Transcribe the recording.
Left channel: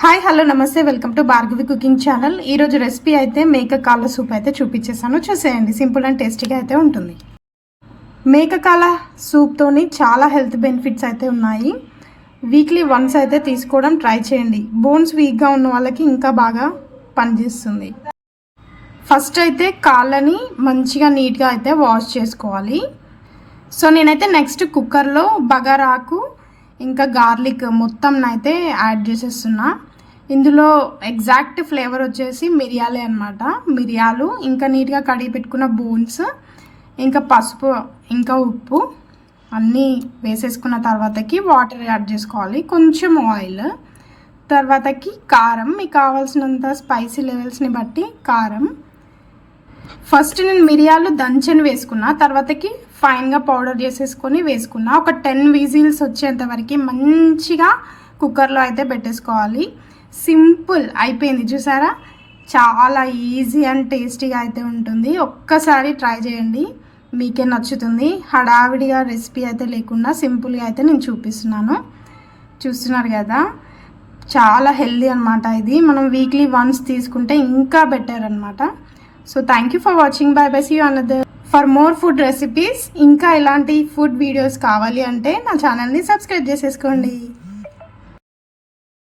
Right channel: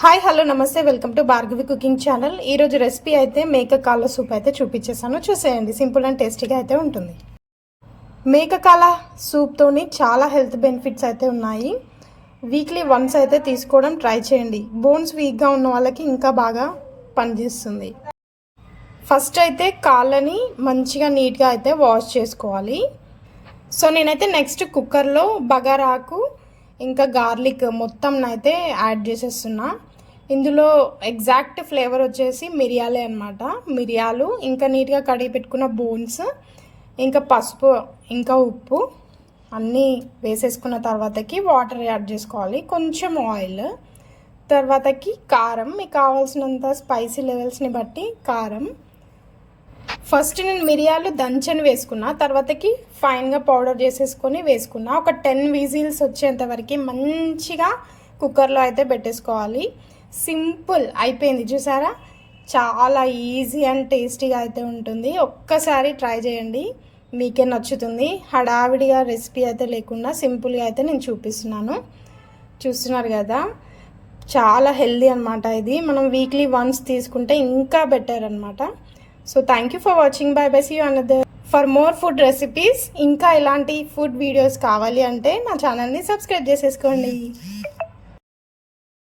Hi hello నమస్తే welcome to Bhargavi cooking channel. ఈరోజు recipe అయితే మేక కాళ్ళ సూప్ అయితే చూపించేసాను. చూసేయండి, సింపుల్ అండ్ టేస్టీగా అయితే ఉంటుంది. మేక కాళ్ళ సూప్తోని చాలా హెల్త్ బెనిఫిట్స్ అయితే ఉన్నాయి. వీక్లీ వన్స్ అయితే తీసుకోవడం ట్రై చేయండి. బోన్స్ వీక్గా ఉన్న వాళ్ళకి ఇంకా బాగా పనిచేస్తుంది. ఫస్ట్ అయితే కాళ్ళని మంచిగా నీట్గా అయితే వాష్ చేసుకోవాలి. సో నేనైతే నెక్స్ట్ కుక్కర్లో బగారాకు ఇంకా గార్లిక్ మొత్తం అయితే యాడ్ చేసేస్తున్నా. ఇందులో ఎగ్జాక్ట్ ఫ్లేవర్ వచ్చేసి మిరియాలే అనమాట. మిరియాలు ఇంకా నీట్గా కడిగి పెట్టుకున్న బోన్స్, ఇంకా పసుపు, ఇంకా ఉప్పు అన్నీ వేసేసుకున్న తర్వాతకి వాటర్ యాడ్ చేసుకోవాలి. కొంచెం ఆయిల్, తర్వాతకి కారం, మీకు కావాల్సినంత స్పైసీ లెవెల్స్ని బట్టి కారం. ఫస్ట్ నేను మిరియాలు దంచని వేసుకున్నా, తర్వాతకి ఫైన్గా పౌడర్ చేసేసుకొని వేసుకున్నా. ఒక 10 విజిల్స్ వచ్చేంత వరకు మంచిగా కుక్కర్లో అయితే పెట్టేసుకోవాలి. సింపుల్ అయిపోయింది, చూసారా? చాలా ఈజీ అండ్ టేస్టీగా అయితే ఉంటుంది. ఒక్కసారి ట్రై చేయండి, మీకే నచ్చుతుంది. హడావిడిగా రెసిపీ అయితే లేకుండా సింపుల్గా అయితే నేను చూపిస్తున్నాను. చూస్తున్నారు కదా, చాలా హెల్దీ అనమాట. ఇది మనం వీక్లీ వన్స్ తీసుకుంటే ఇంకా బెటర్ అనమాట. So thank you for watching. Bye bye, see you another. For more food recipes ఇంకా ఇలాంటి ఫుడ్ వీడియోస్ కావాలి అంటే నా ఛానల్ని సబ్స్క్రైబ్ చేసేసుకోండి.